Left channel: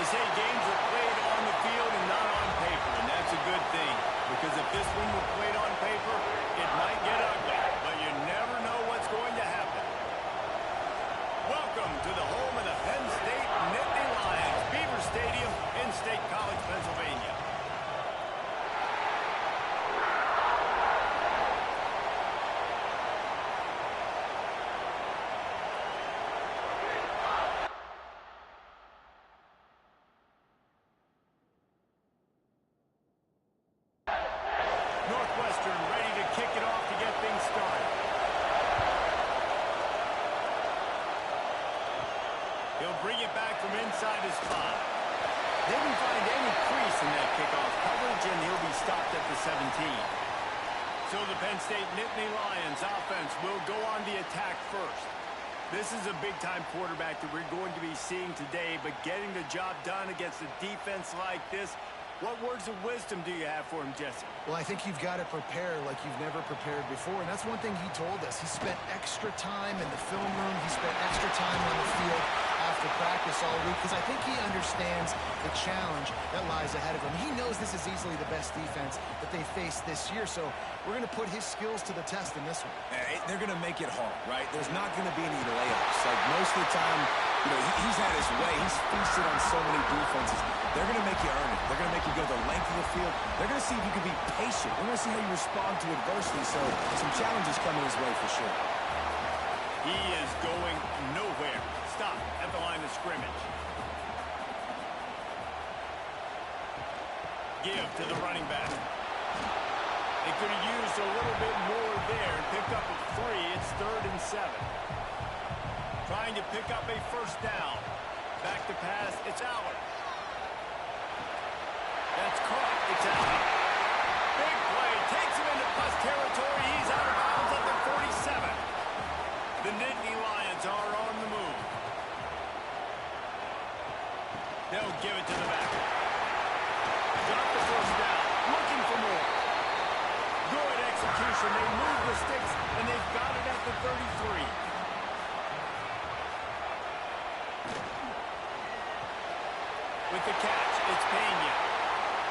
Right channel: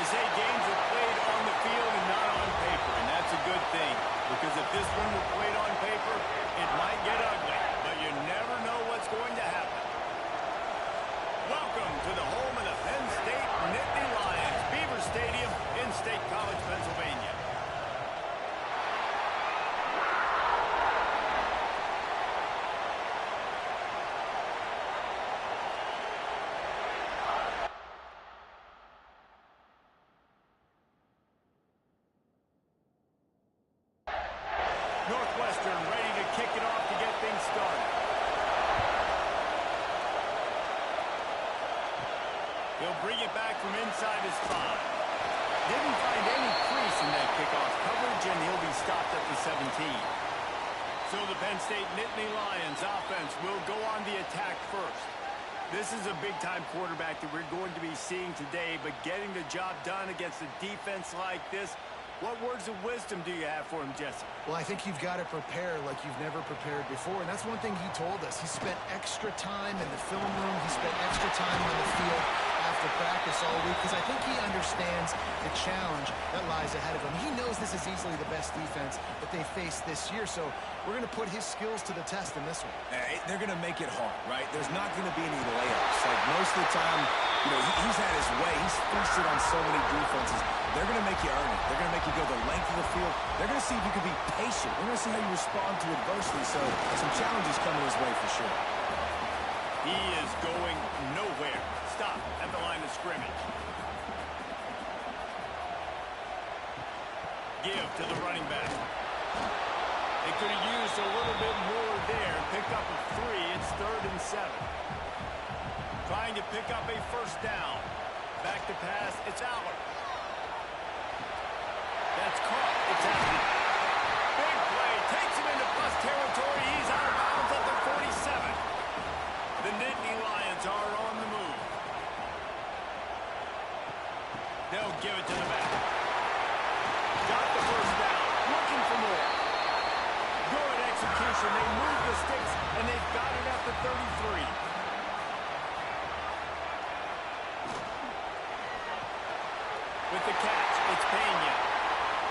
They say games are played on the field and not on paper, and that's a good thing. Because if this one were played on paper, it might get ugly. But you never know what's going to happen. Welcome to the home of the Penn State Nittany Lions, Beaver Stadium in State College, Pennsylvania. Northwestern ready to kick it off to get things started. He'll bring it back from inside his 5. Didn't find any crease in that kickoff coverage, and he'll be stopped at the 17. So the Penn State Nittany Lions offense will go on the attack first. This is a big-time quarterback that we're going to be seeing today, but getting the job done against a defense like this, what words of wisdom do you have for him, Jesse? Well, I think you've got to prepare like you've never prepared before, and that's one thing he told us. He spent extra time in the film room. He spent extra time on the field after practice all week because I think he understands the challenge that lies ahead of him. He knows this is easily the best defense that they face this year, so we're going to put his skills to the test in this one. They're going to make it hard, right? There's not going to be any layups. Like most of the time, you know, he's had his way. He's feasted on so many defenses. They're going to make you earn it. They're going to make you go the length of the field. They're going to see if you can be patient. We're going to see how you respond to adversity, so some challenges coming his way for sure. He is going nowhere. Stop at the line of scrimmage. Give to the running back. They could have used a little bit more there and picked up a 3. It's 3rd and 7. Trying to pick up a first down. Back to pass. It's Allard. That's caught. It's out. Big play. Takes him into plus territory. He's out of bounds at the 47. The Nittany Lions are on the move. They'll give it to the back. Got the first down. Looking for more. Good execution. They move the sticks, and they've got it at the 33. With the catch, it's Pena.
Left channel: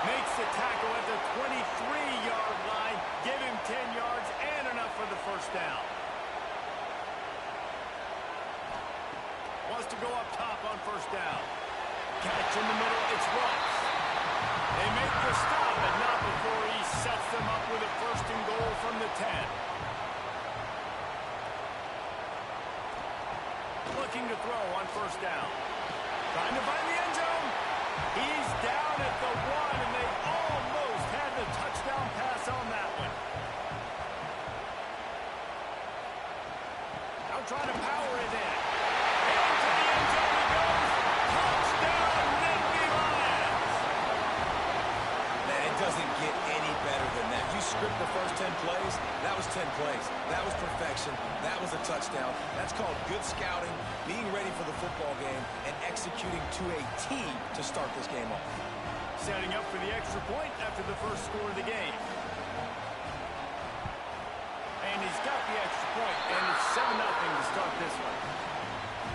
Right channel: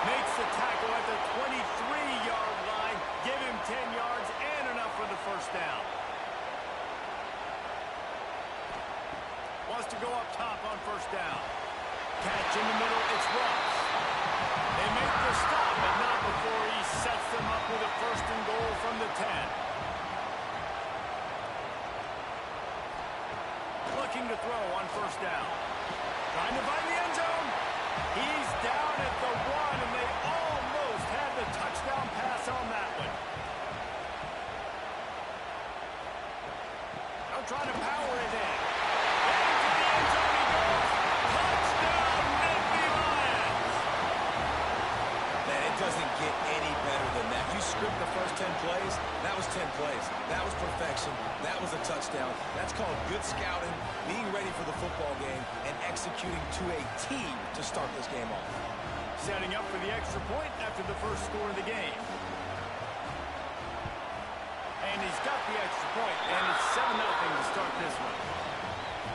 Makes the tackle at the 23-yard line. Give him 10 yards and enough for the first down. Wants to go up top on first down. Catch in the middle, it's Ross. They make the stop, but not before he sets them up with a 1st and goal from the 10. Looking to throw on first down. Trying to find the end zone. He's down at the 1, and they almost had the touchdown pass on that one. Now trying to power it in. Into the end zone he goes. Touchdown, Nittany Lions. Man, it doesn't get any better than that. You script the first 10 plays, that was 10 plays. That was perfection. That was a touchdown. That's called good scouting, being ready for the football game, and executing to a team to start this game off. Setting up for the extra point after the first score of the game. And he's got the extra point, and it's 7-0 to start this one.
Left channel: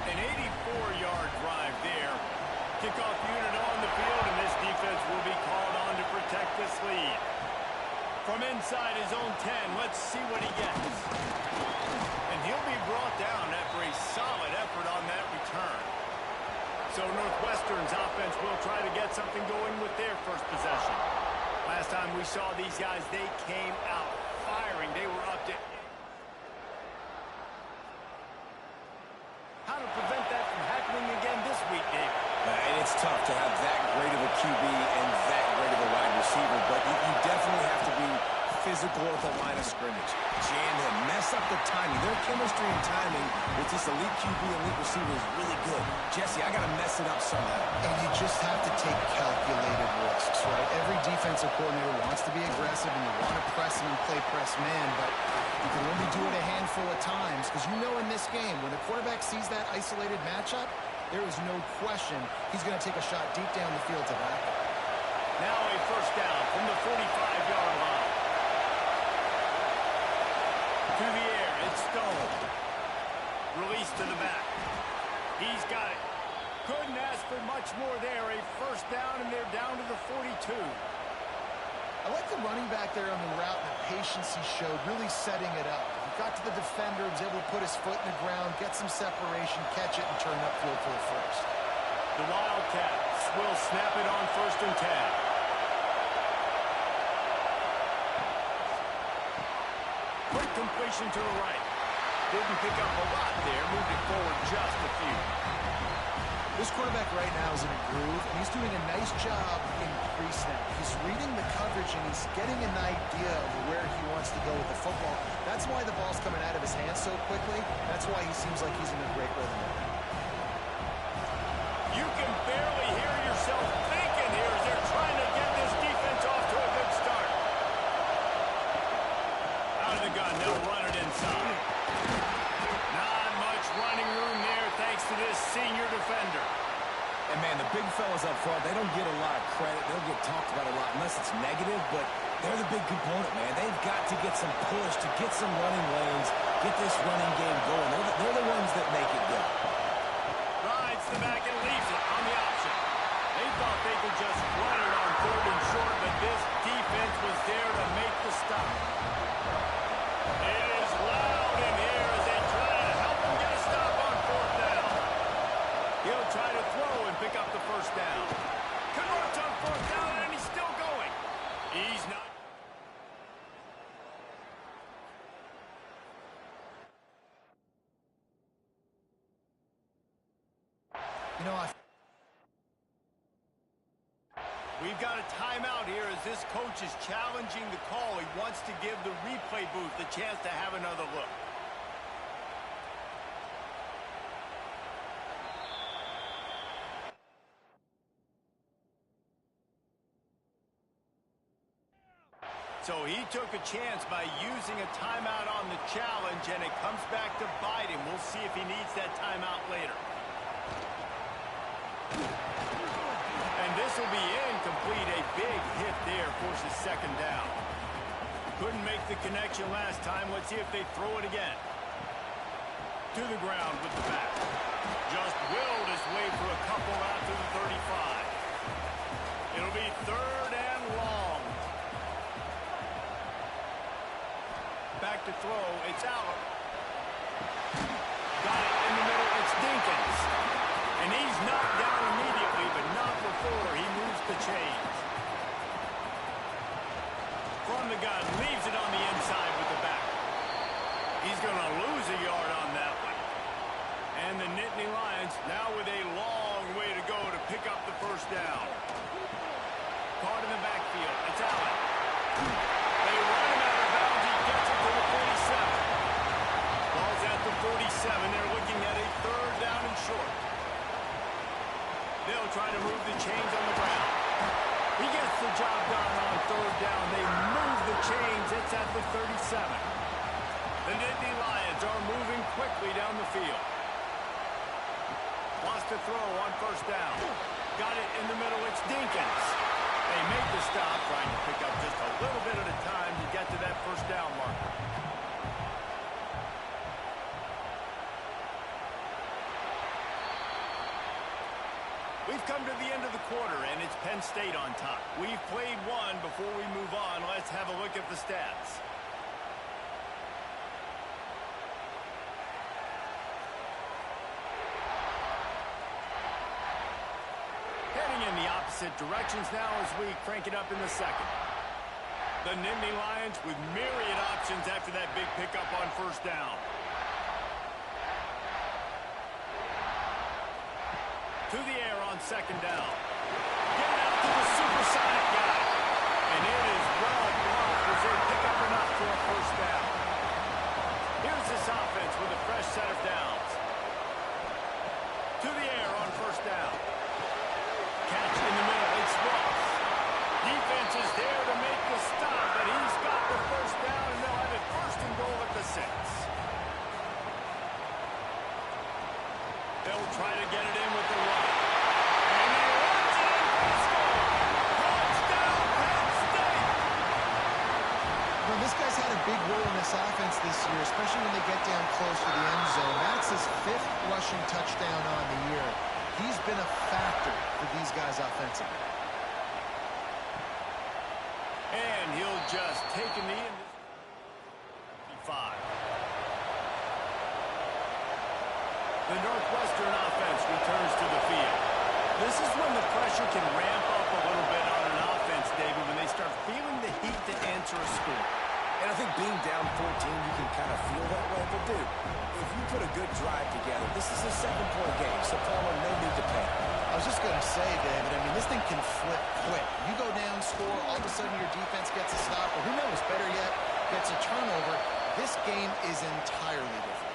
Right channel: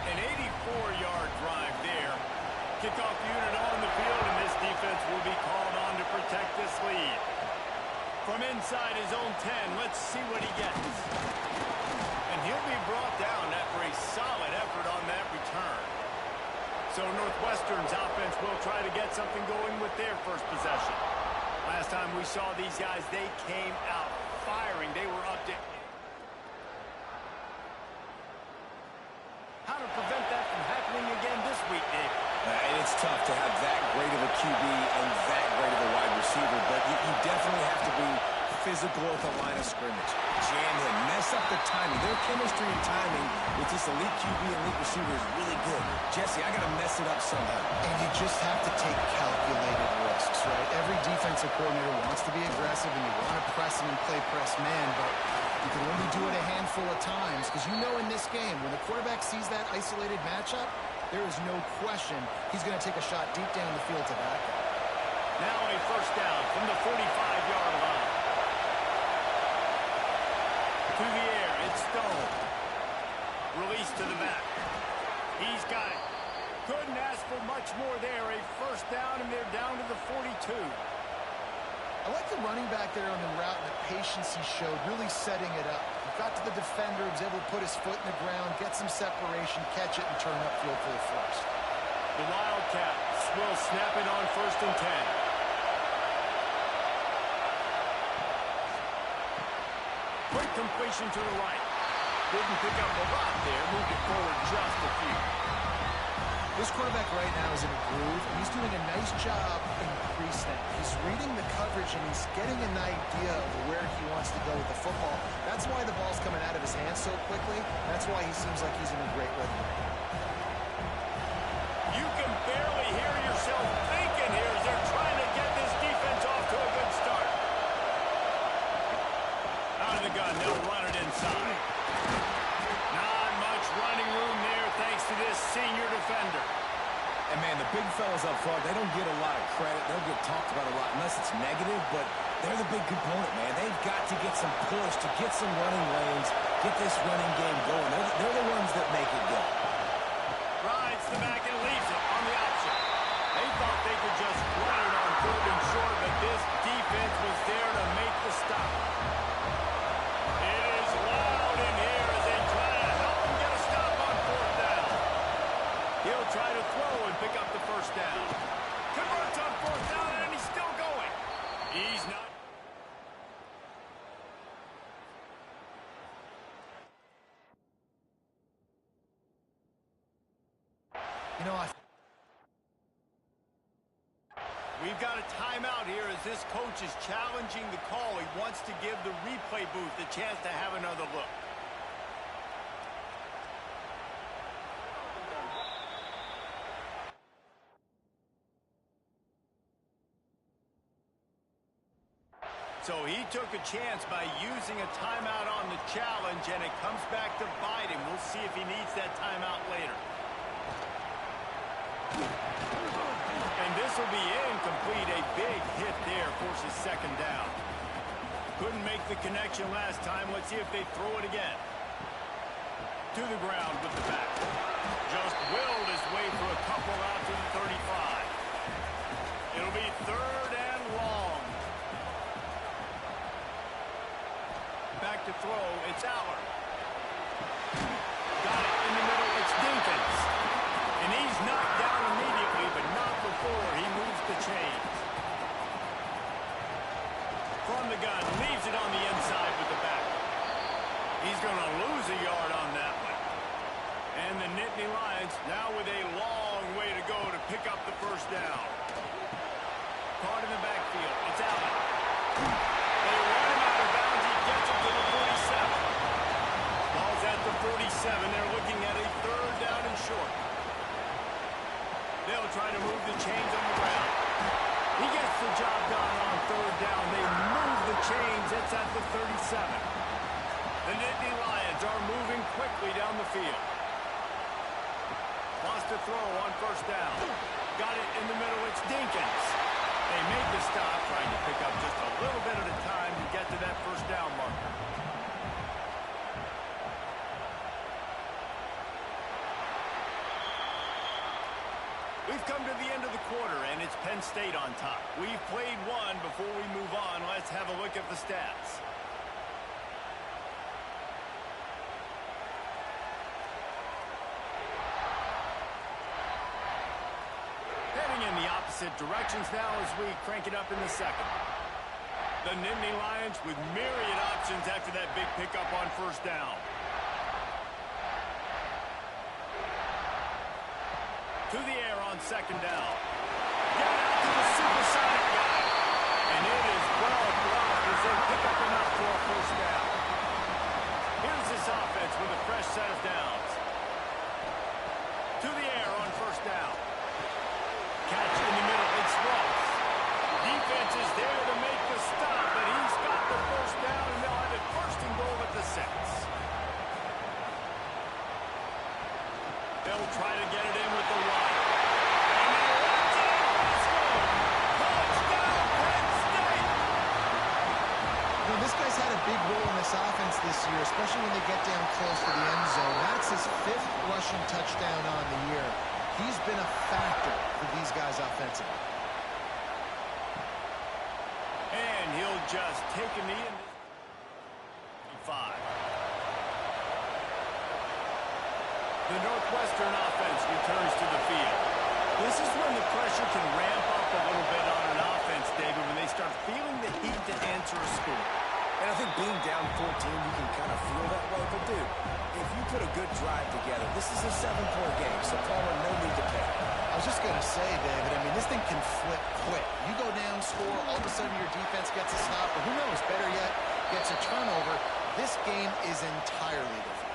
An 84-yard drive there. Kickoff unit on the field, and this defense will be called on to protect this lead. From inside his own 10, let's see what he gets. And he'll be brought down after a solid effort on that return. So Northwestern's offense will try to get something going with their first possession. Last time we saw these guys, they came out firing. They were up to... How to prevent that from happening again this week, Dave? And it's tough to have that great of a QB and that great of a wide receiver, but you definitely have to be physical at the line of scrimmage. Jam him, mess up the timing. Their chemistry and timing with this elite QB and elite receiver is really good. Jesse, I got to mess it up somehow. And you just have to take calculated risks, right? Every defensive coordinator wants to be aggressive, and you want to press him and play press man, but you can only do it a handful of times because you know in this game, when the quarterback sees that isolated matchup, there is no question he's going to take a shot deep down the field to back it. Now a first down from the 45-yard line. To the air, it's Stone. Release to the back. He's got it. Couldn't ask for much more there. A first down, and they're down to the 42. I like the running back there on the route and the patience he showed, really setting it up. He got to the defender, was able to put his foot in the ground, get some separation, catch it, and turn upfield for the first. The Wildcats will snap it on 1st and 10. Quick completion to the right. Didn't pick up a lot there, moved it forward just a few. This quarterback right now is in a groove, and he's doing a nice job in pre-snap. He's reading the coverage, and he's getting an idea of where he wants to go with the football. That's why the ball's coming out of his hands so quickly. That's why he seems like he's in a great rhythm right now. You can barely hear yourself thinking here as they're trying to get this defense off to a good start. Out of the gun, they'll run it inside. Not much running room there thanks to this senior defender. And, man, the big fellas up front, they don't get a lot of credit. They don't get talked about a lot unless it's negative, but they're the big component, man. They've got to get some push, to get some running lanes, get this running game going. They're the ones that make it go. Rides the back and leaves it on the option. They thought they could just run it on 3rd and short, but this defense was there to make the stop. It is loud in here as they try to help him get a stop on 4th down. He'll try to throw and pick up the first down. Converts on 4th down, and he's still going. He's not. You know, We've got a timeout here as this coach is challenging the call. He wants to give the replay booth the chance to have another look. So he took a chance by using a timeout on the challenge, and it comes back to bite him. We'll see if he needs that timeout later. And this will be incomplete. A big hit there forces 2nd down. Couldn't make the connection last time. Let's see if they throw it again. To the ground with the back. Just willed his way for a couple out to the 35. It'll be 3rd and long. Back to throw. It's Allard. Got it in the middle. It's Dinkins. And he's knocked down immediately, but not before he moves the chains. From the gun, leaves it on the inside with the back. He's going to lose a yard on that one. And the Nittany Lions now with a long way to go to pick up the first down. Caught in the backfield. It's Allen. They run him out of bounds. He gets it to the 47. Ball's at the 47. They're looking at a 3rd down and short. They'll try to move the chains on the ground. He gets the job done on 3rd down. They move the chains. It's at the 37. The Nittany Lions are moving quickly down the field. Wants to throw on 1st down. Got it in the middle. It's Dinkins. They make the stop, trying to pick up just a little bit at a time to get to that 1st down marker. We've come to the end of the quarter, and it's Penn State on top. We've played one. Before we move on, let's have a look at the stats. Heading in the opposite directions now as we crank it up in the 2nd. The Nittany Lions with myriad options after that big pickup on 1st down. To the air on 2nd down. Get it out to the supersonic guy. And it is well blocked as they pick up enough for a 1st down. Here's this offense with a fresh set of downs. To the air on 1st down. Catch in the middle. It's Ross. Defense is there to make the stop, but he's got the 1st down, and they'll have it 1st and goal at the 6. They'll try to get it in with the run. And he runs it in for a score. Touchdown, Penn State! You know, this guy's had a big role in this offense this year, especially when they get down close to the end zone. That's his 5th rushing touchdown on the year. He's been a factor for these guys offensively. And he'll just take a knee in this 5. The Northwestern offense returns to the field. This is when the pressure can ramp up a little bit on an offense, David, when they start feeling the heat to answer a score. And I think being down 14, you can kind of feel that way. But, dude, if you put a good drive together, this is a 7-point game. So, Palmer, no need to panic. I was just going to say, David, I mean, this thing can flip quick. You go down, score, all of a sudden your defense gets a stop, or who knows, better yet, gets a turnover. This game is entirely different.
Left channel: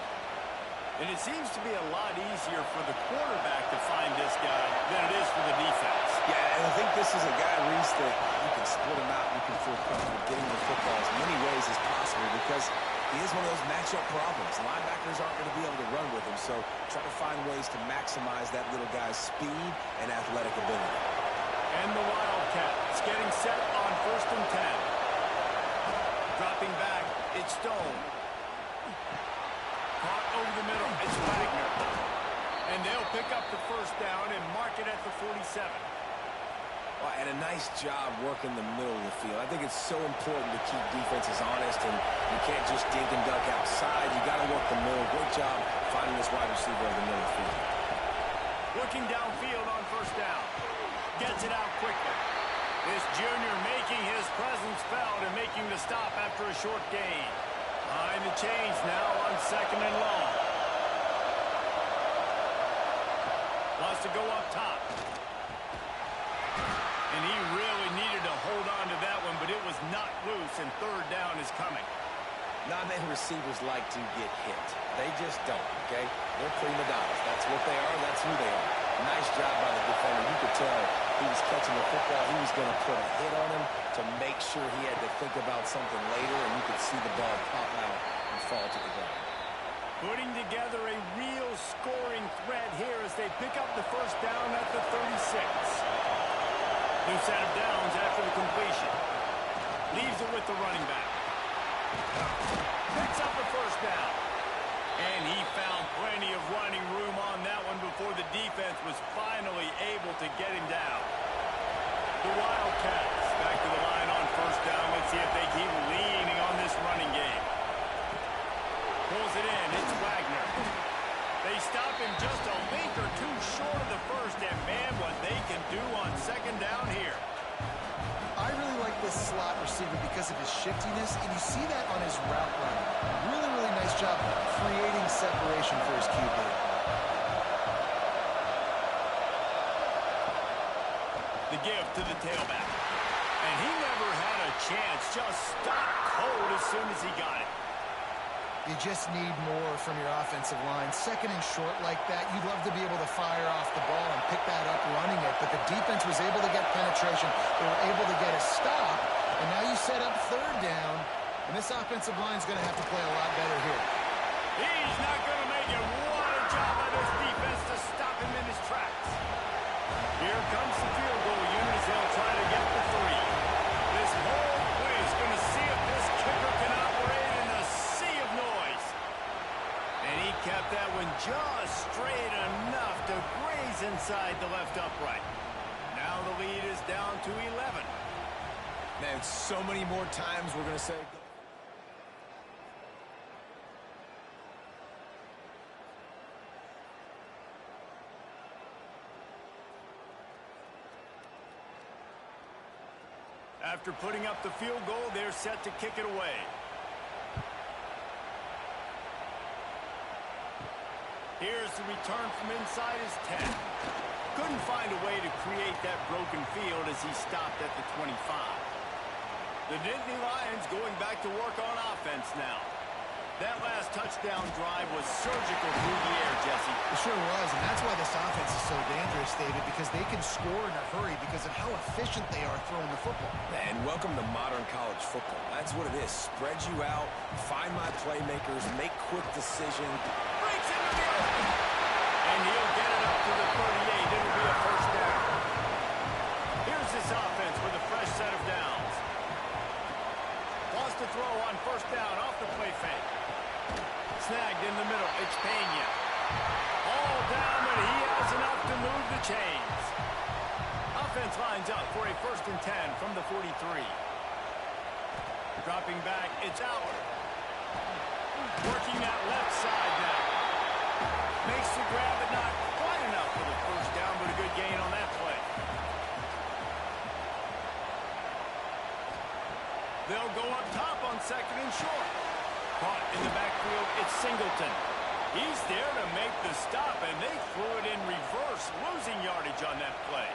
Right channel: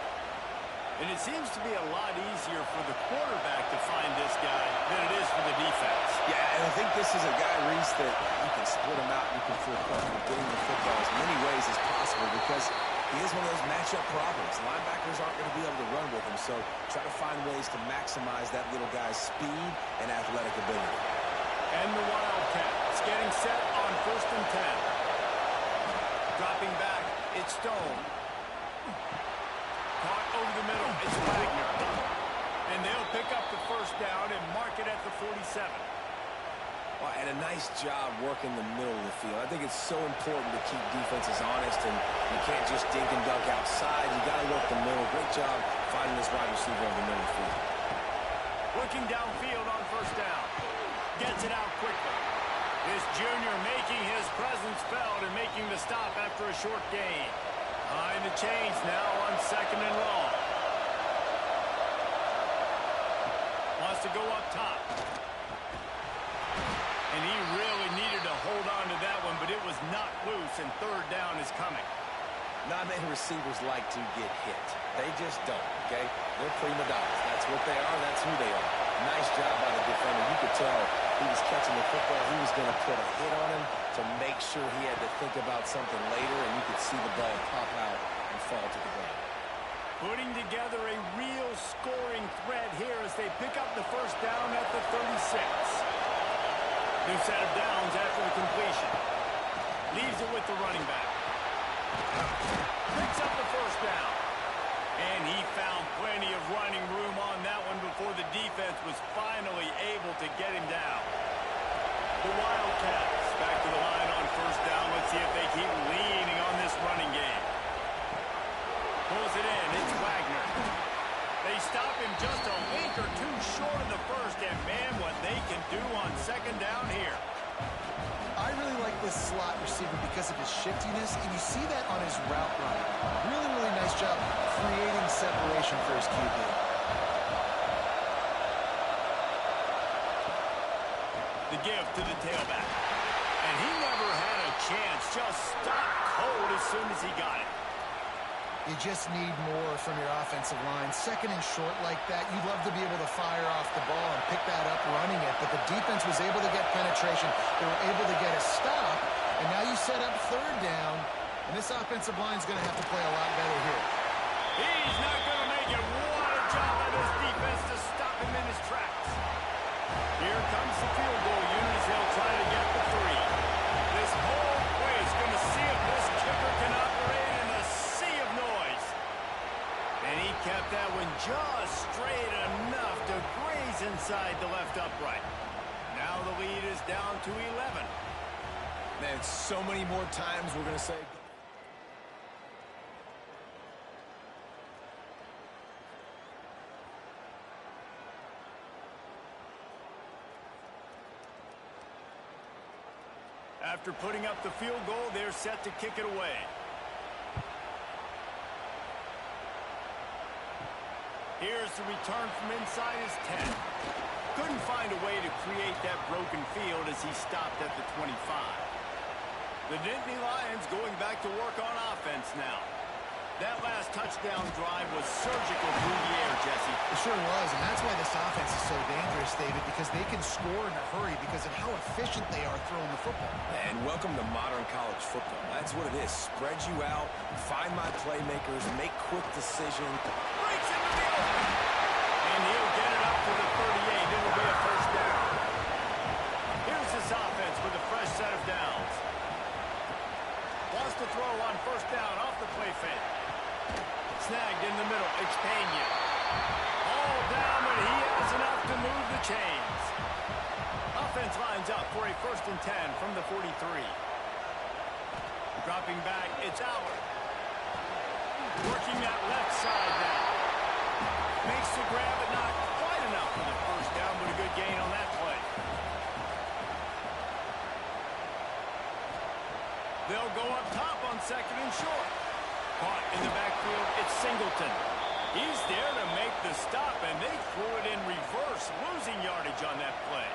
And it seems to be a lot easier for the quarterback to find this guy than it is for the defense. Yeah, and I think this is a guy, Reese, that you can split him out and you can feel comfortable getting the football as many ways as possible because he is one of those matchup problems. Linebackers aren't going to be able to run with him, so try to find ways to maximize that little guy's speed and athletic ability. And the Wildcats getting set on 1st and 10. Dropping back, it's Stone. Caught over the middle, it's Wagner. And they'll pick up the first down and mark it at the 47. Well, and a nice job working the middle of the field. I think it's so important to keep defenses honest, and you can't just dink and dunk outside. You got to work the middle. Great job finding this wide receiver over the middle of the field. Looking downfield on 1st down. Gets it out quickly. This junior making his presence felt and making the stop after a short gain. Behind the chains now on 2nd and long. Wants to go up top. And he really needed to hold on to that one, but it was not loose, and 3rd down is coming. Not many receivers like to get hit. They just don't, okay? They're prima donnas. That's what they are. That's who they are. Nice job by the defender. You could tell he was catching the football. He was going to put a hit on him to make sure he had to think about something later, and you could see the ball pop out and fall to the ground. Putting together a real scoring threat here as they pick up the first down at the 36. New set of downs after the completion. Leaves it with the running back. Picks up the first down. And he found plenty of running room on that one before the defense was finally able to get him down. The Wildcats back to the line on 1st down. Let's see if they keep leaning on this running game. Pulls it in. It's Wagner. They stop him just a link or two short of the first, and man, what they can do on 2nd down here. I really like this slot receiver because of his shiftiness, and you see that on his route running. Really, really nice job creating separation for his QB. The give to the tailback. And he never had a chance. Just stopped cold as soon as he got it. You just need more from your offensive line. 2nd and short like that, you'd love to be able to fire off the ball and pick that up running it, but the defense was able to get penetration. They were able to get a stop, and now you set up 3rd down, and this offensive line is going to have to play a lot better here. He's not going to make it. What a job by this defense to stop him in his tracks. Here comes the field goal unit as he'll try to get the 3. This whole place going to see if this kicker can operate in the sea of noise. And he kept that one just straight enough to graze inside the left upright. Now the lead is down to 11. Man, so many more times we're going to say... After putting up the field goal, they're set to kick it away. Here's the return from inside his 10. Couldn't find a way to create that broken field as he stopped at the 25. The Nittany Lions going back to work on offense now. That last touchdown drive was surgical through the air, Jesse. It sure was, and that's why this offense is so dangerous, David, because they can score in a hurry because of how efficient they are throwing the football. And welcome to modern college football. That's what it is. Spread you out, find my playmakers, make quick decisions. Breaks into the open. And he'll get it up to the 38. It'll be a first down. Here's this offense with a fresh set of downs. Wants to throw on 1st down off the play fake. Snagged in the middle. It's Pena. All down, but he has enough to move the chains. Offense lines up for a 1st and 10 from the 43. Dropping back, it's Allard. Working that left side now. Makes the grab, but not quite enough for the 1st down, but a good gain on that play. They'll go up top on 2nd and short. Caught in the backfield, it's Singleton. He's there to make the stop, and they threw it in reverse, losing yardage on that play.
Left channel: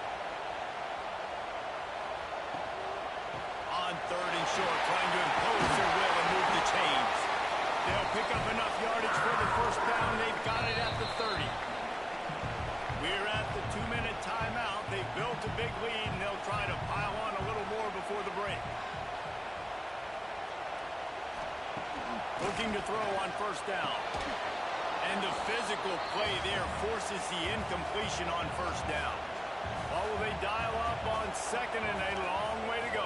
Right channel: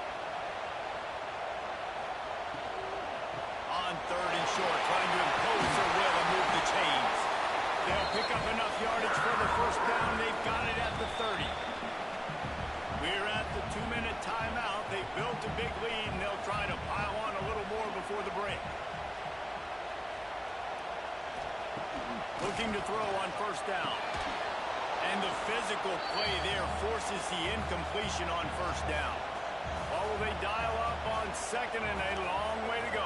On 3rd and short, trying to impose their will and move the chains. They'll pick up enough yardage for the 1st down. They've got it at the 30. We're at the 2-minute timeout. They've built a big lead, and they'll try to pile on a little more before the break. Looking to throw on 1st down. And the physical play there forces the incompletion on 1st down. Or will they dial up on 2nd and a long way to go?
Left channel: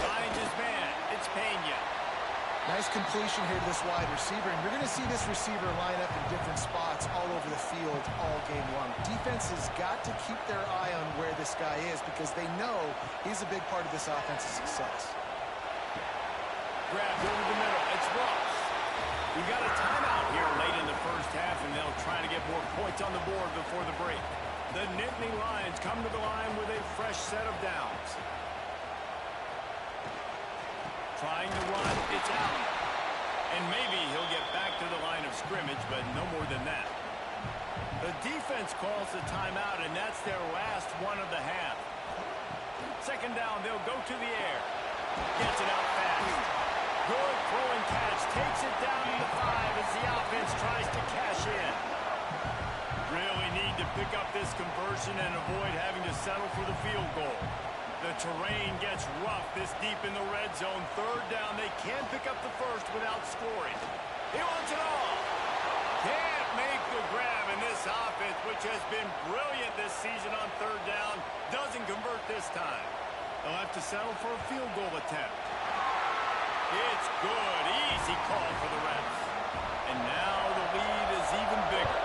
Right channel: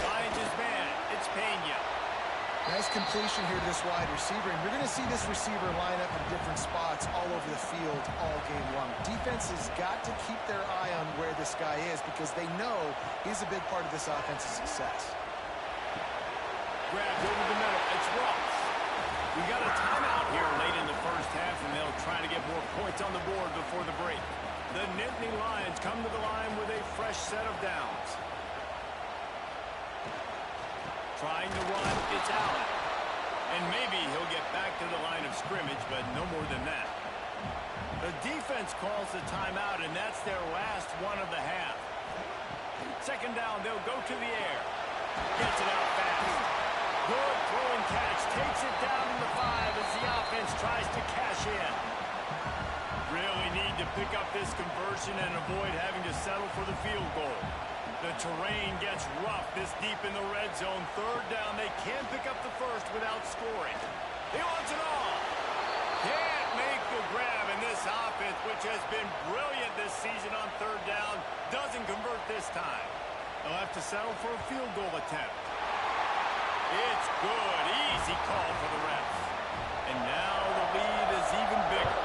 Finds his man. It's Pena. Nice completion here to this wide receiver, and you're going to see this receiver line up in different spots all over the field all game long. Defense has got to keep their eye on where this guy is because they know he's a big part of this offense's success. Grabbed over the middle. It's Ross. We got a timeout here late in the 1st half, and they'll try to get more points on the board before the break. The Nittany Lions come to the line with a fresh set of downs. Trying to run, it's Allen. And maybe he'll get back to the line of scrimmage, but no more than that. The defense calls the timeout, and that's their last one of the half. 2nd down, they'll go to the air. Gets it out fast. Good throw and catch. Takes it down to the 5 as the offense tries to cash in. Really need to pick up this conversion and avoid having to settle for the field goal. The terrain gets rough this deep in the red zone. 3rd down, they can't pick up the 1st without scoring. He wants it all. Can't make the grab, and this offense, which has been brilliant this season on 3rd down, doesn't convert this time. They'll have to settle for a field goal attempt. It's good. Easy call for the refs. And now the lead is even bigger.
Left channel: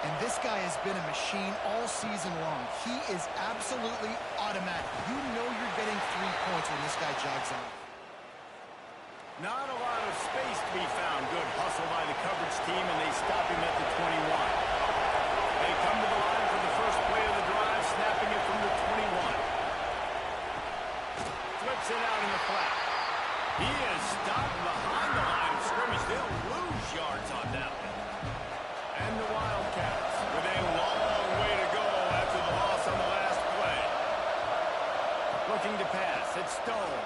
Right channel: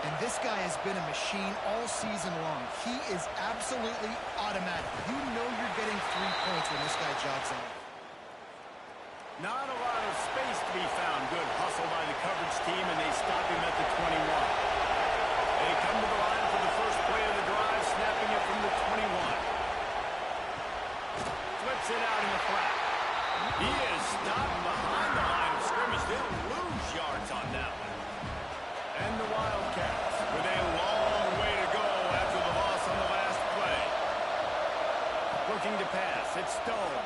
And this guy has been a machine all season long. He is absolutely automatic. You know you're getting 3 points when this guy jogs on. Not a lot of space to be found. Good hustle by the coverage team, and they stop him at the 21. They come to the line for the 1st play of the drive, snapping it from the 21. Flips it out in the flat. He is stopped behind the line of scrimmage. They'll lose yards on that one. And the Wildcats with a long way to go after the loss on the last play. Looking to pass. It's Stone.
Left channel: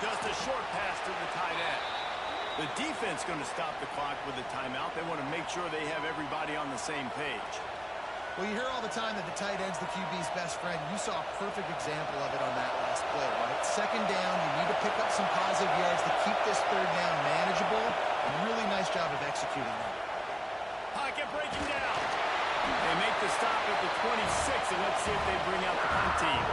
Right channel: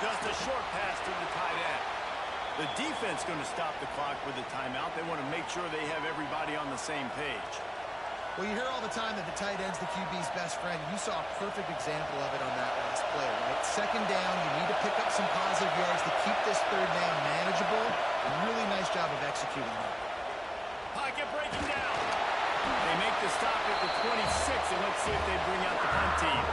Just a short pass to the tight end. The defense going to stop the clock with the timeout. They want to make sure they have everybody on the same page. Well, you hear all the time that the tight end's the QB's best friend. You saw a perfect example of it on that last play, right? 2nd down, you need to pick up some positive yards to keep this 3rd down manageable. A really nice job of executing that. Pocket breaking down. They make the stop at the 26, and let's see if they bring out the punt team.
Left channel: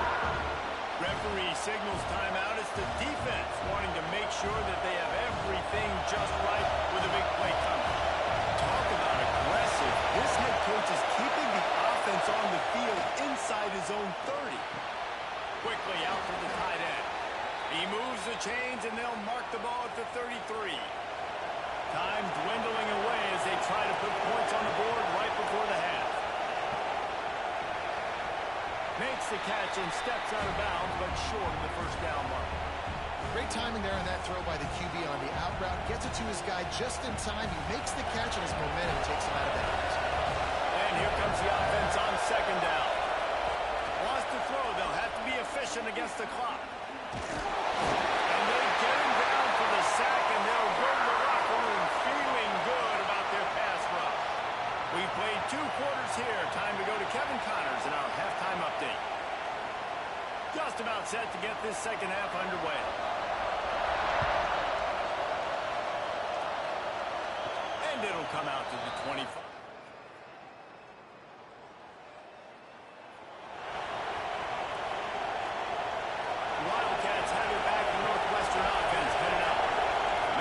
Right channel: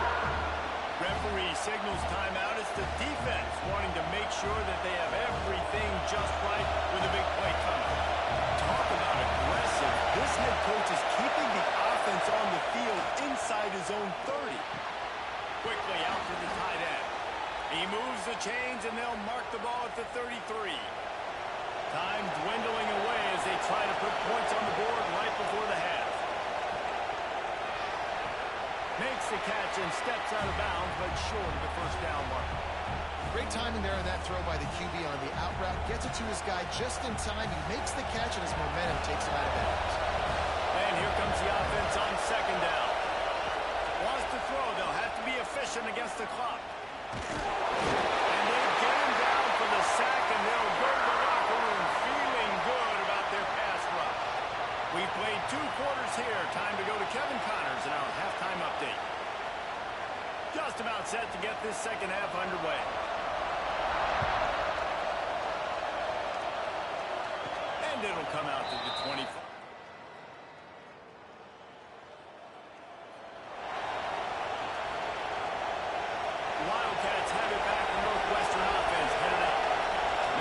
Referee signals timeout. It's the defense wanting to make sure that they have everything just right with a big play coming. Talk about aggressive. This head coach is keeping the offense on the field inside his own 30. Quickly out to the tight end. He moves the chains, and they'll mark the ball at the 33. Time dwindling away as they try to put points on the board right before the half. Makes the catch and steps out of bounds, but short of the 1st down mark. Great timing there on that throw by the QB on the out route. Gets it to his guy just in time. He makes the catch, and his momentum takes him out of bounds. And here comes the offense on 2nd down. Wants to throw. They'll have to be efficient against the clock. And they get him down for the sack, and they'll go to the locker room feeling good about their pass rush. We've played 2 quarters here. Time to go to Kevin Connors in our halftime update. Just about set to get this 2nd half underway. And it'll come out to the 25. Wildcats have it back. The Northwestern offense headed out.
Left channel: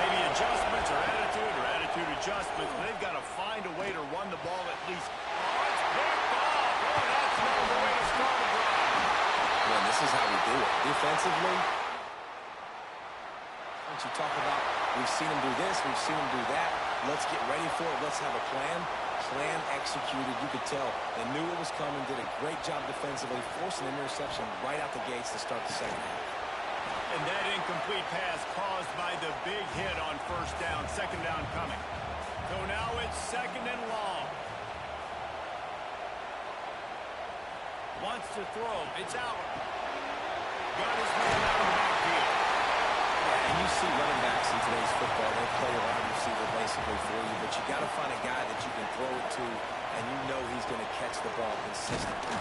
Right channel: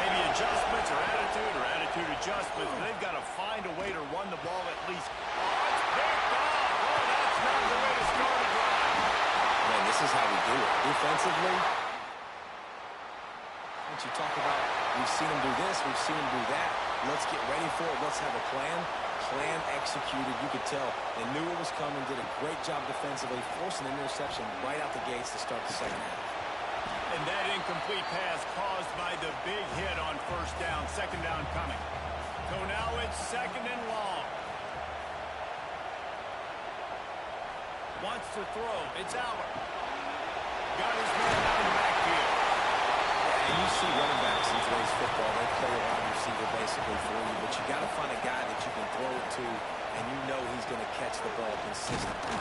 Maybe a adjustments or attitude adjustments. They've got to find a way to run the ball at least. Oh, it's picked off. Oh, that's not the way to start a drive. Man, this is how we do it. Defensively, once you talk about, we've seen them do this, we've seen them do that. Let's get ready for it. Let's have a plan. Plan executed. You could tell they knew it was coming, did a great job defensively, forced an interception right out the gates to start the second half. And that incomplete pass caused by the big hit on first down. Second down coming. So now it's second and long. Wants to throw. It's Aller. Got his man out of the backfield. Yeah, and you see running backs in today's football, they play a wide receiver basically for you, but you got to find a guy that you can throw it to, and you know he's going to catch the ball consistently.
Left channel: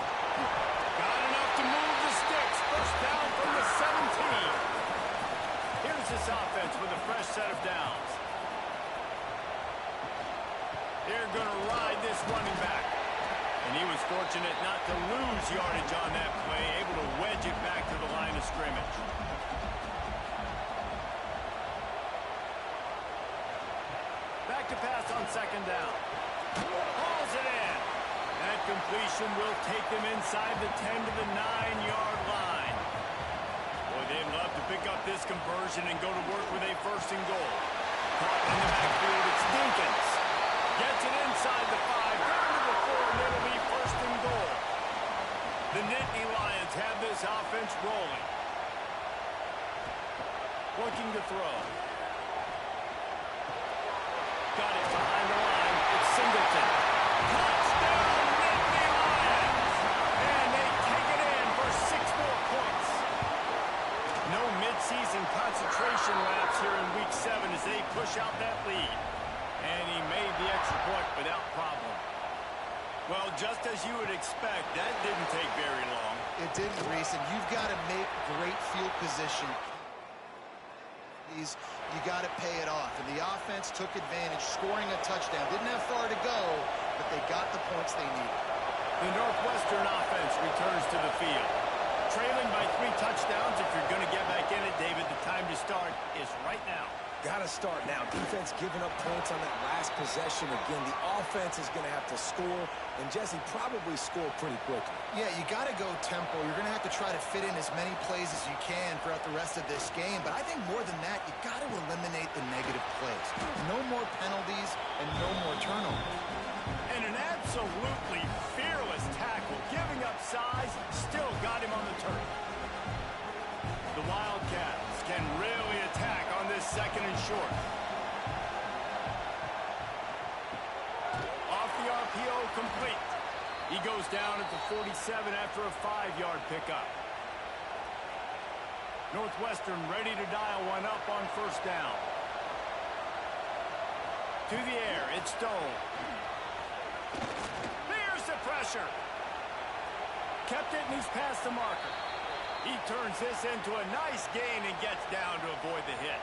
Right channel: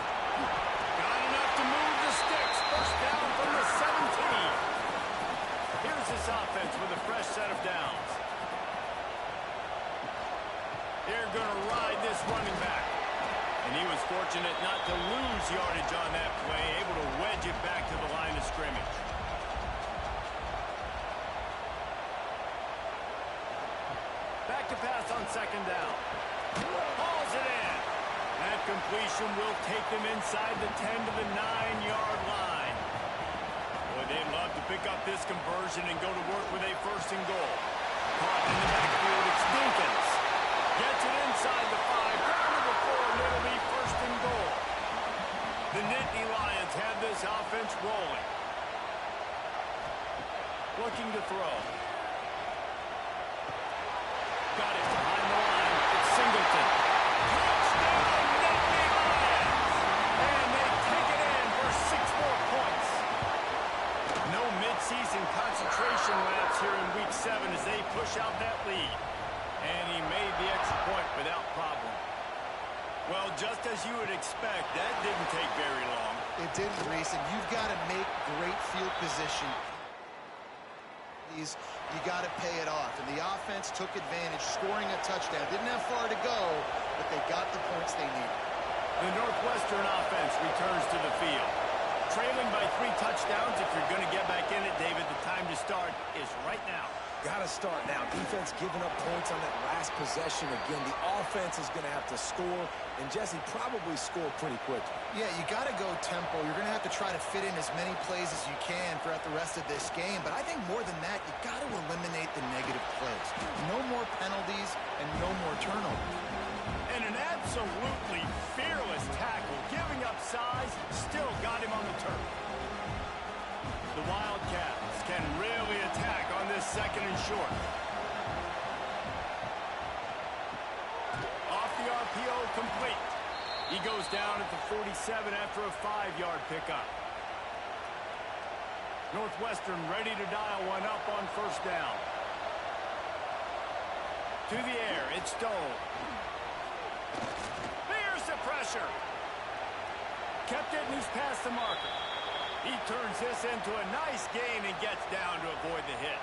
Got enough to move the sticks. First down from the 17. Here's this offense with a fresh set of downs. They're going to ride this running back. And he was fortunate not to lose yardage on that play, able to wedge it back to the line of scrimmage. Back to pass on second down. Hauls it in. That completion will take them inside the 10 to the 9-yard line. Boy, they'd love to pick up this conversion and go to work with a first and goal. Caught in the backfield, it's Dinkins. Gets it inside the 5, down to the 4, and it'll be first and goal. The Nittany Lions have this offense rolling. Looking to throw. Got it behind the line. It's Singleton. Touchdown, Nittany Lions! And they take it in for 6 more points. No midseason concentration laps here in Week 7 as they push out that lead. And he made the extra point without problem. Well, just as you would expect, that didn't take very long. It didn't, Reese, and you've got to make great field position. You got to pay it off. And the offense took advantage, scoring a touchdown. Didn't have far to go, but they got the points they needed. The Northwestern offense returns to the field. Trailing by 3 touchdowns. If you're going to get back in it, David, the time to start is right now. Got to start now. Defense giving up points on that last possession. Again, the offense is going to have to score, and Jesse probably score pretty quickly. Yeah, you got to go tempo. You're going to have to try to fit in as many plays as you can throughout the rest of this game. But I think more than that, you got to eliminate the negative plays. No more penalties and no more turnovers. And an absolutely fearless tackle, giving up size, still got him on the turf. The Wildcats can really attack on this second and short. Off the RPO, complete. He goes down at the 47 after a 5-yard pickup. Northwestern ready to dial one up on first down. To the air, it's Stone. Here's the pressure. Kept it, and he's past the marker. He turns this into a nice gain and gets down to avoid the hit.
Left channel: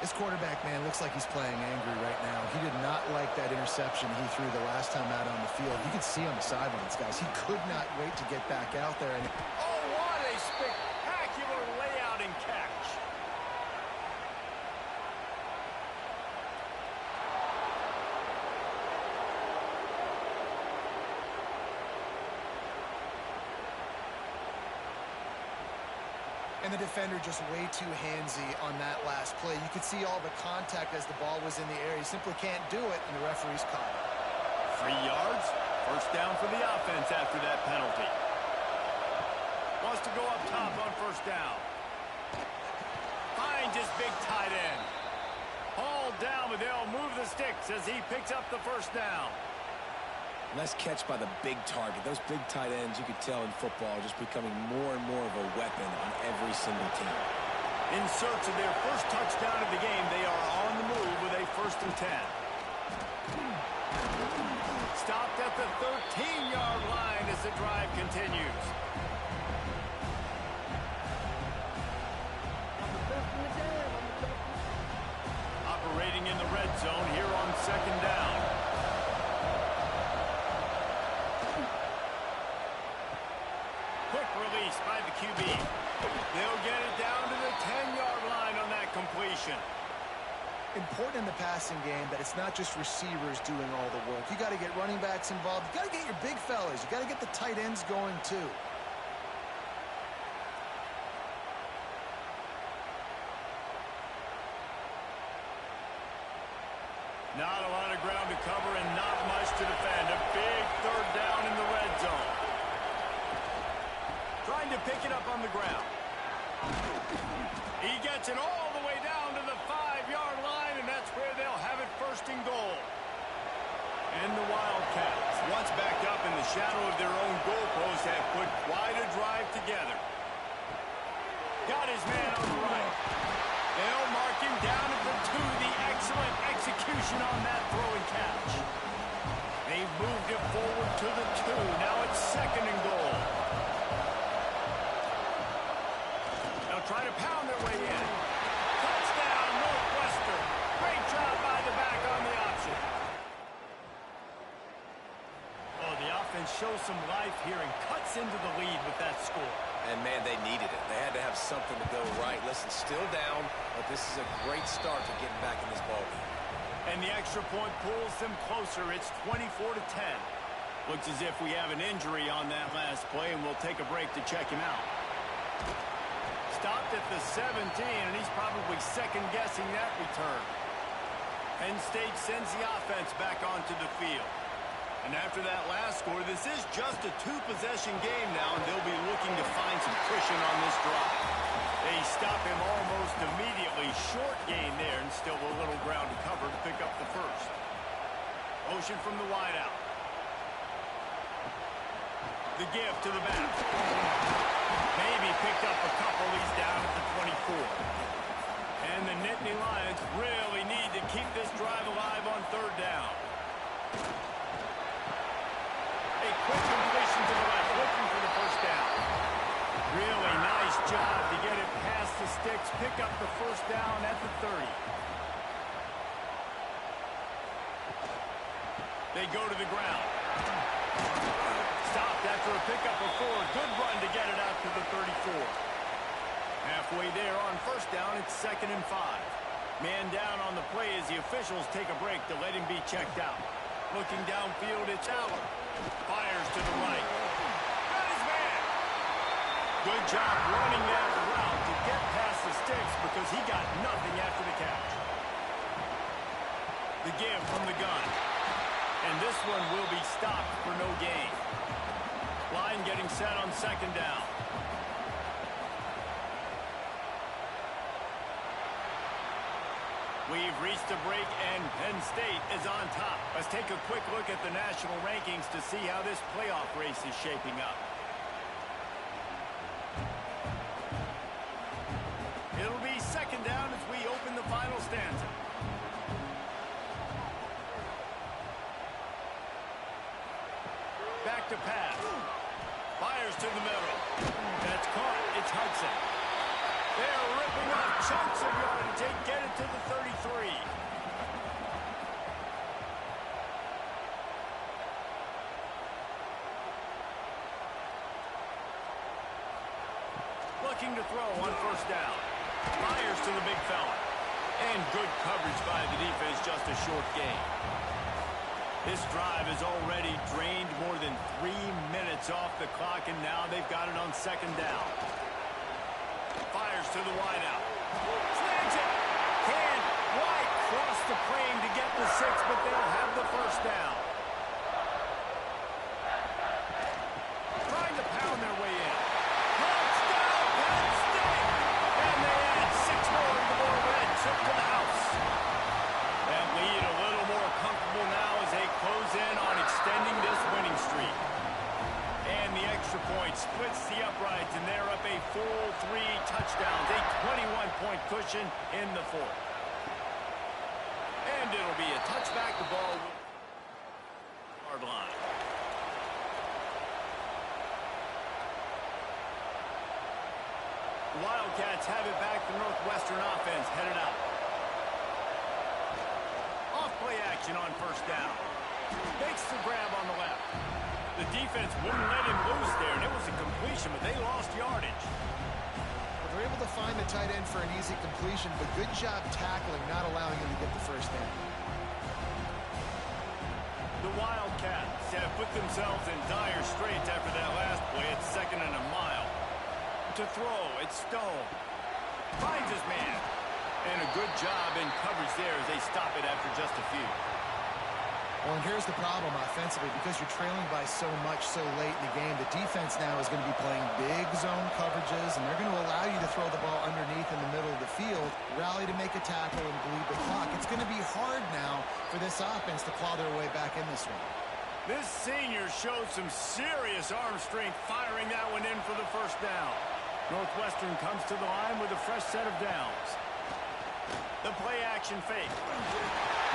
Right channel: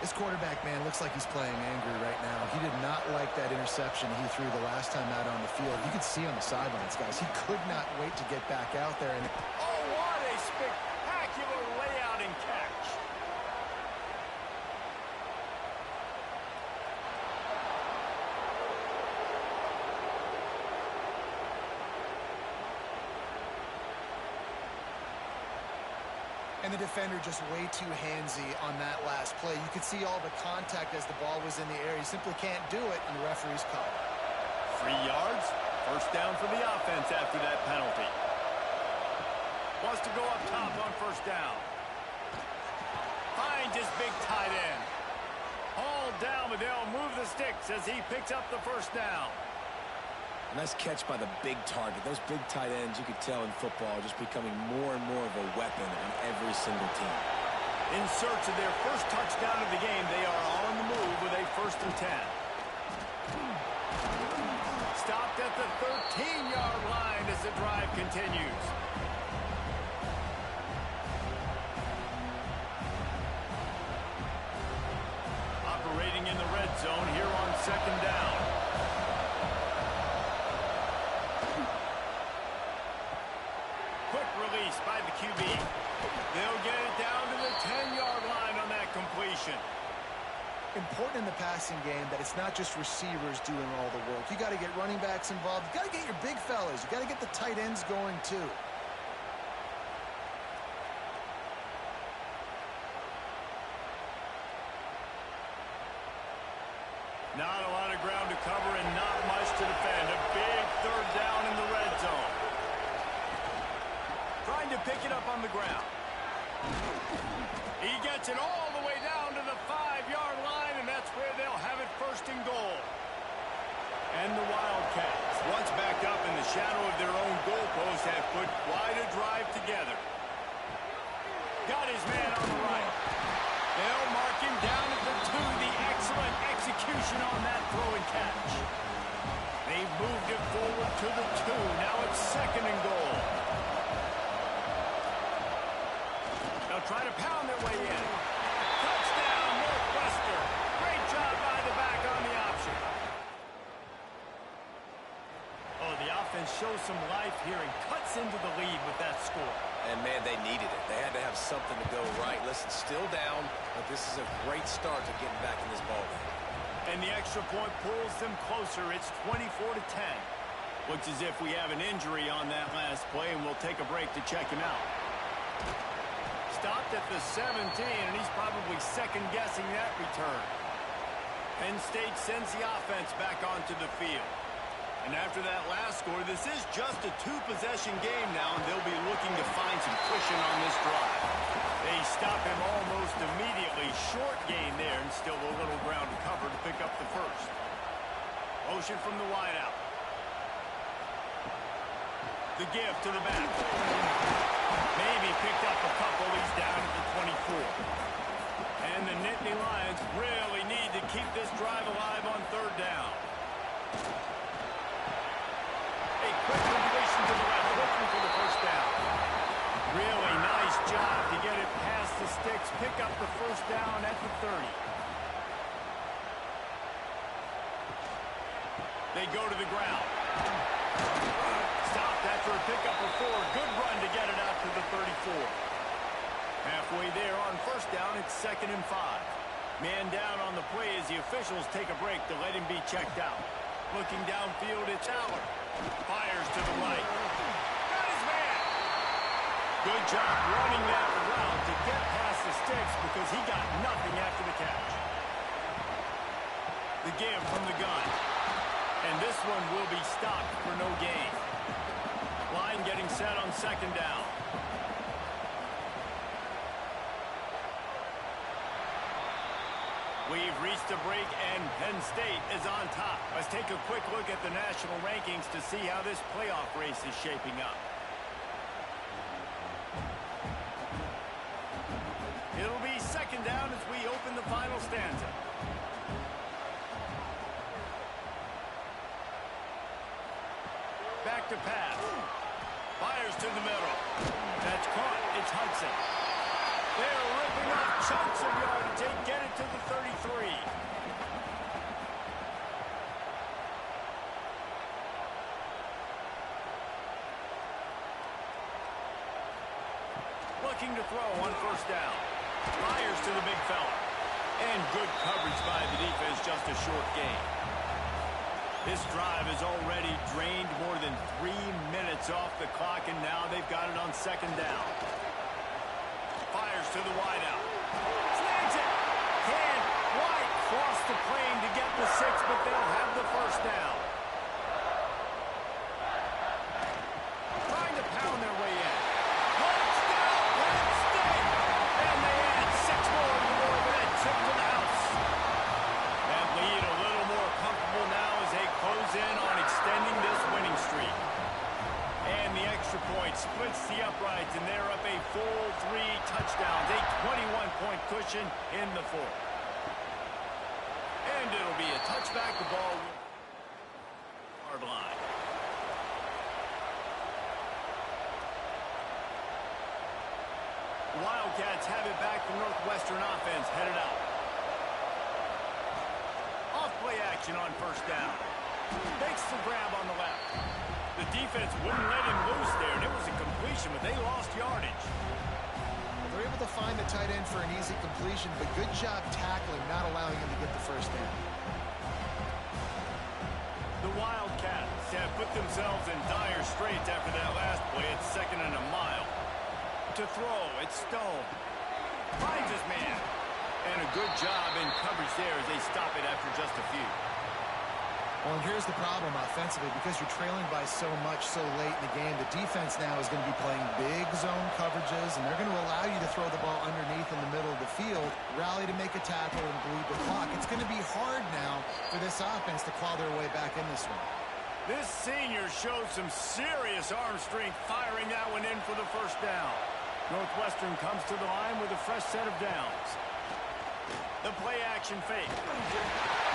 This quarterback, man, looks like he's playing angry right now. He did not like that interception he threw the last time out on the field. You could see on the sidelines, guys. He could not wait to get back out there. And oh, what a spectacular layout and catch. And the defender just way too handsy on that last play. You could see all the contact as the ball was in the air. He simply can't do it, and the referee's caught it. 3 yards. First down for the offense after that penalty. Wants to go up top on first down. Finds his big tight end. Hauled down, but they'll move the sticks as he picks up the first down. Nice catch by the big target. Those big tight ends, you could tell in football, are just becoming more and more of a weapon on every single team. In search of their first touchdown of the game, they are on the move with a 1st and 10. Stopped at the 13-yard line as the drive continues. Operating in the red zone here on second down. Quick release by the QB. They'll get it down to the 10-yard line on that completion. important in the passing game that it's not just receivers doing all the work. You got to get running backs involved. You got to get your big fellas. You got to get the tight ends going too. Not a lot of ground to cover and not much to defend. A big third down in the red zone. Trying to pick it up on the ground. He gets it all the way down to the 5-yard line, and that's where they'll have it first and goal. And the Wildcats, once backed up in the shadow of their own goalpost, have put quite a drive together. Got his man on the right. They'll mark him down at the 2. The excellent execution on that throw and catch. They've moved it forward to the 2. Now it's second and goal. They'll try to pound their way in. Touchdown, Northwestern. Great job by the back on the option. Oh, the offense shows some life here and cuts into the lead with that score. And, man, they needed it. They had to have something to go right. Listen, still down, but this is a great start to getting back in this ballgame. And the extra point pulls them closer. It's 24-10. Looks as if we have an injury on that last play, and we'll take a break to check him out. Stopped at the 17, and he's probably second-guessing that return. Penn State sends the offense back onto the field. And after that last score, this is just a 2-possession game now, and they'll be looking to find some cushion on this drive. They stop him almost immediately. Short gain there, and still a little ground to cover to pick up the first. Motion from the wideout. The give to the back. Maybe picked up a couple. He's down at the 24. And the Nittany Lions really need to keep this drive alive on third down. A quick completion to the left, looking for the first down. Really nice job to get it past the sticks, pick up the first down at the 30. They go to the ground. Stopped after a pickup of 4. Good run to get it out to the 34. Halfway there on first down, it's 2nd and 5. Man down on the play as the officials take a break to let him be checked out. Looking downfield, it's Aller. Fires to the right. Got his man. Good job running that route to get past the sticks because he got nothing after the catch. The give from the gun. And this one will be stopped for no gain. Line getting set on 2nd down. We've reached a break, and Penn State is on top. Let's take a quick look at the national rankings to see how this playoff race is shaping up. It'll be 2nd down as we open the final stanza. Back to pass. Fires to the middle. That's caught. It's Hudson. They're ripping off chunks of yardage. They get it to the 33. Looking to throw on first down. Fires to the big fella. And good coverage by the defense, just a short gain. This drive has already drained more than 3 minutes off the clock, and now they've got it on 2nd down. Fires to the wideout. Slams it. Can't quite cross the plane to get the 6, but they'll have the first down. Trying to pound their way in. Touchdown, Penn State! And they add 6 more to the board with a trip to the house. That lead a little more comfortable now as they close in on extending this winning streak. And the extra point splits the uprights, and they're up a full 3 touchdowns, a 21-point cushion in the 4th. And it'll be a touchback. The ball will hard line. The Wildcats have it back. The Northwestern offense headed out. Off-play action on first down. Makes the grab on the left. The defense wouldn't let him loose there, and it was a completion, but they lost yardage. Well, They're able to find the tight end for an easy completion, but good job tackling, not allowing him to get the first down. The Wildcats have put themselves in dire straits after that last play. It's 2nd and a mile. To throw, it's Stone. Finds his man. And a good job in coverage there as they stop it after just a few. Well, and here's the problem offensively. Because you're trailing by so much so late in the game, the defense now is going to be playing big zone coverages, and they're going to allow you to throw the ball underneath in the middle of the field, rally to make a tackle, and bleed the clock. It's going to be hard now for this offense to claw their way back in this one. This senior showed some serious arm strength firing that one in for the first down. Northwestern comes to the line with a fresh set of downs. The play action fake.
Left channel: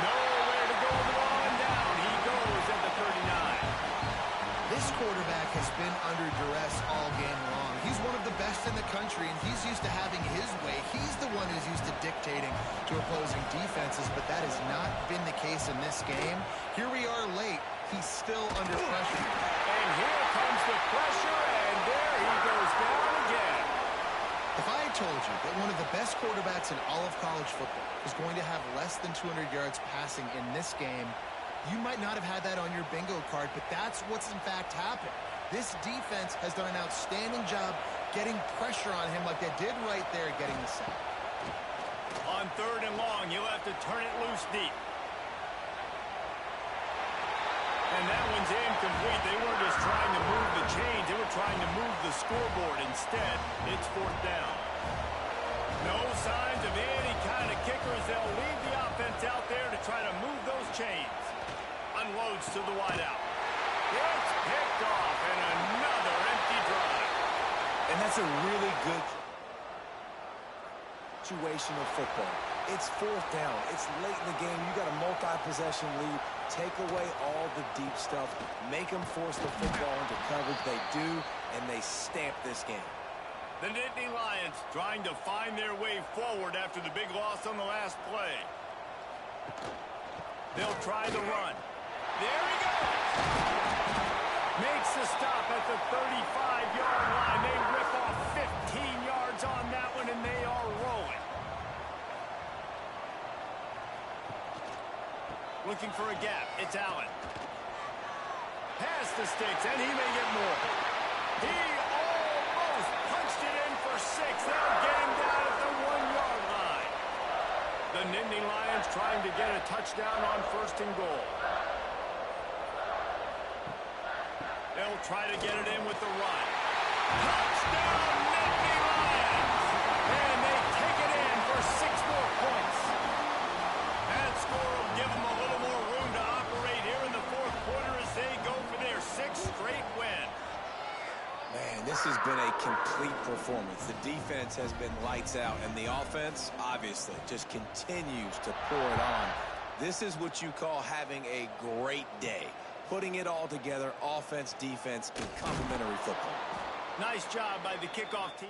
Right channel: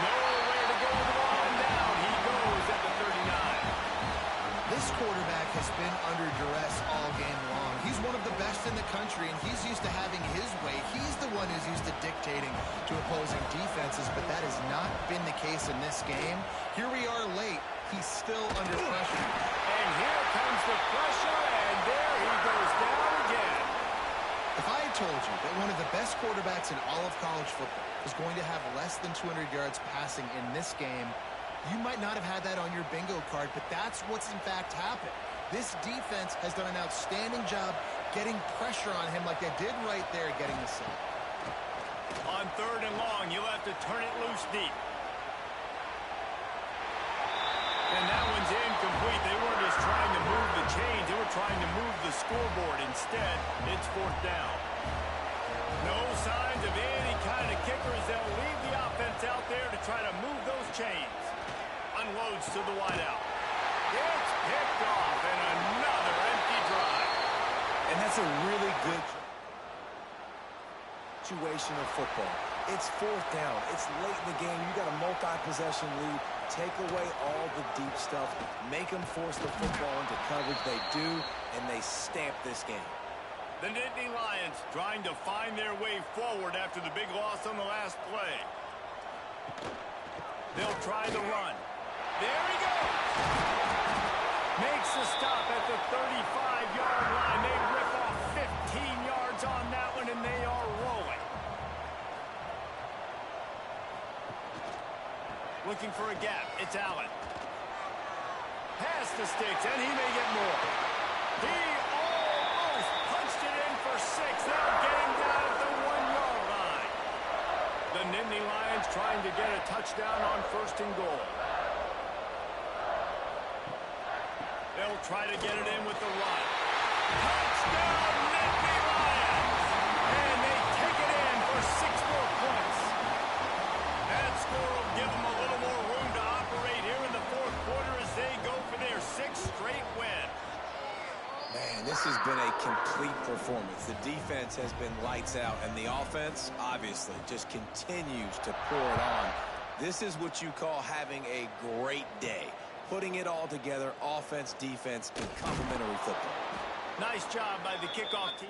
Nowhere to go with the ball, and down he goes at the 39. This quarterback has been under duress all game long. He's one of the best in the country, and he's used to having his way. He's the one who's used to dictating to opposing defenses, but that has not been the case in this game. Here we are late. He's still under pressure. And here comes the pressure, and there he goes down again. If I had told you that one of the best quarterbacks in all of college football was going to have less than 200 yards passing in this game, you might not have had that on your bingo card, but that's what's in fact happened. This defense has done an outstanding job getting pressure on him like they did right there, getting the sack. On 3rd and long, you'll have to turn it loose deep. And that one's incomplete. They weren't just trying to move the chains. They were trying to move the scoreboard. Instead, it's 4th down. No signs of any kind of kickers. They'll leave the offense out there to try to move those chains. Unloads to the wideout. It's picked off, and another empty drive. And that's a really good situation of football. It's 4th down. It's late in the game. You got a multi-possession lead. Take away all the deep stuff. Make them force the football into coverage. They do, and they stamp this game. The Nittany Lions trying to find their way forward after the big loss on the last play. They'll try the run. There he goes. Makes the stop at the 35-yard line. They rip off 15 yards on that one, and they are rolling. Looking for a gap. It's Allen. Pass the sticks, and he may get more. He almost punched it in for 6. They'll get him down at the 1-yard line. The Nittany Lions trying to get a touchdown on 1st and goal. They'll try to get it in with the run. Touchdown, Nittany Lions! And they take it in for 6 more points. That score will give them a little more room to operate here in the 4th quarter as they go for their 6th straight win. Man, this has been a complete performance. The defense has been lights out, and the offense, obviously, just continues to pour it on. This is what you call having a great day. Putting it all together, offense, defense, and complementary football. Nice job by the kickoff team.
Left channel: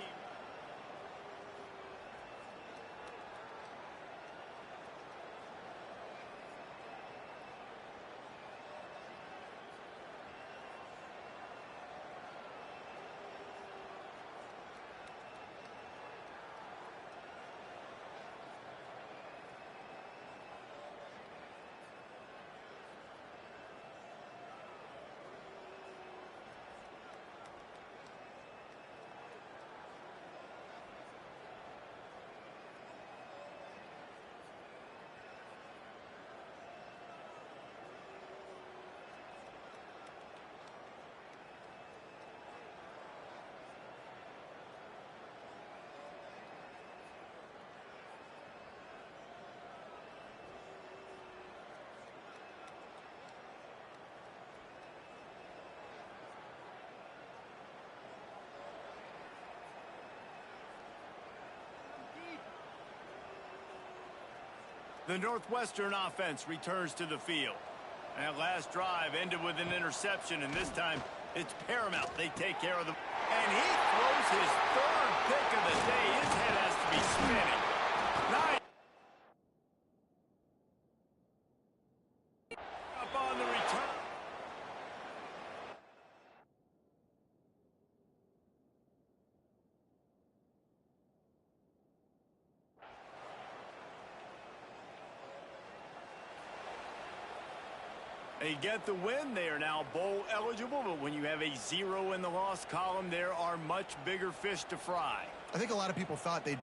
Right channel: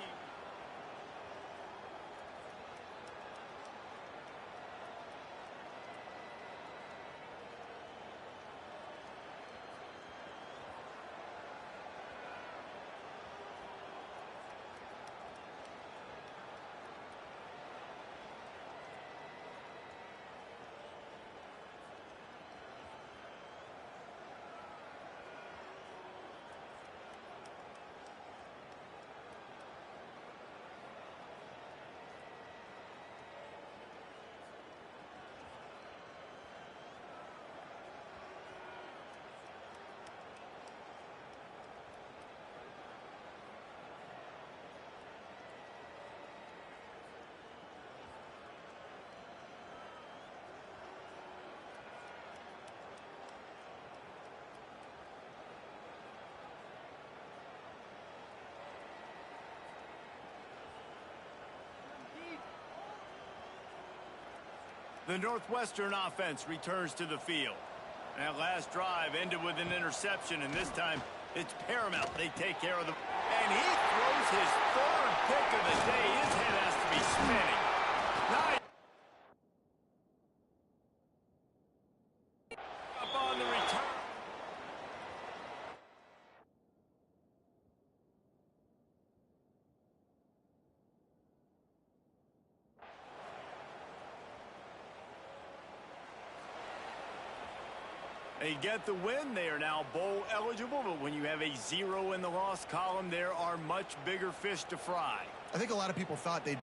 The Northwestern offense returns to the field. That last drive ended with an interception, and this time it's paramount they take care of the... And he throws his 3rd pick of the day. His head has to be spinning. Nice. Up on the return. They get the win. They are now bowl eligible, but when you have a 0 in the loss column, there are much bigger fish to fry. I think a lot of people thought they'd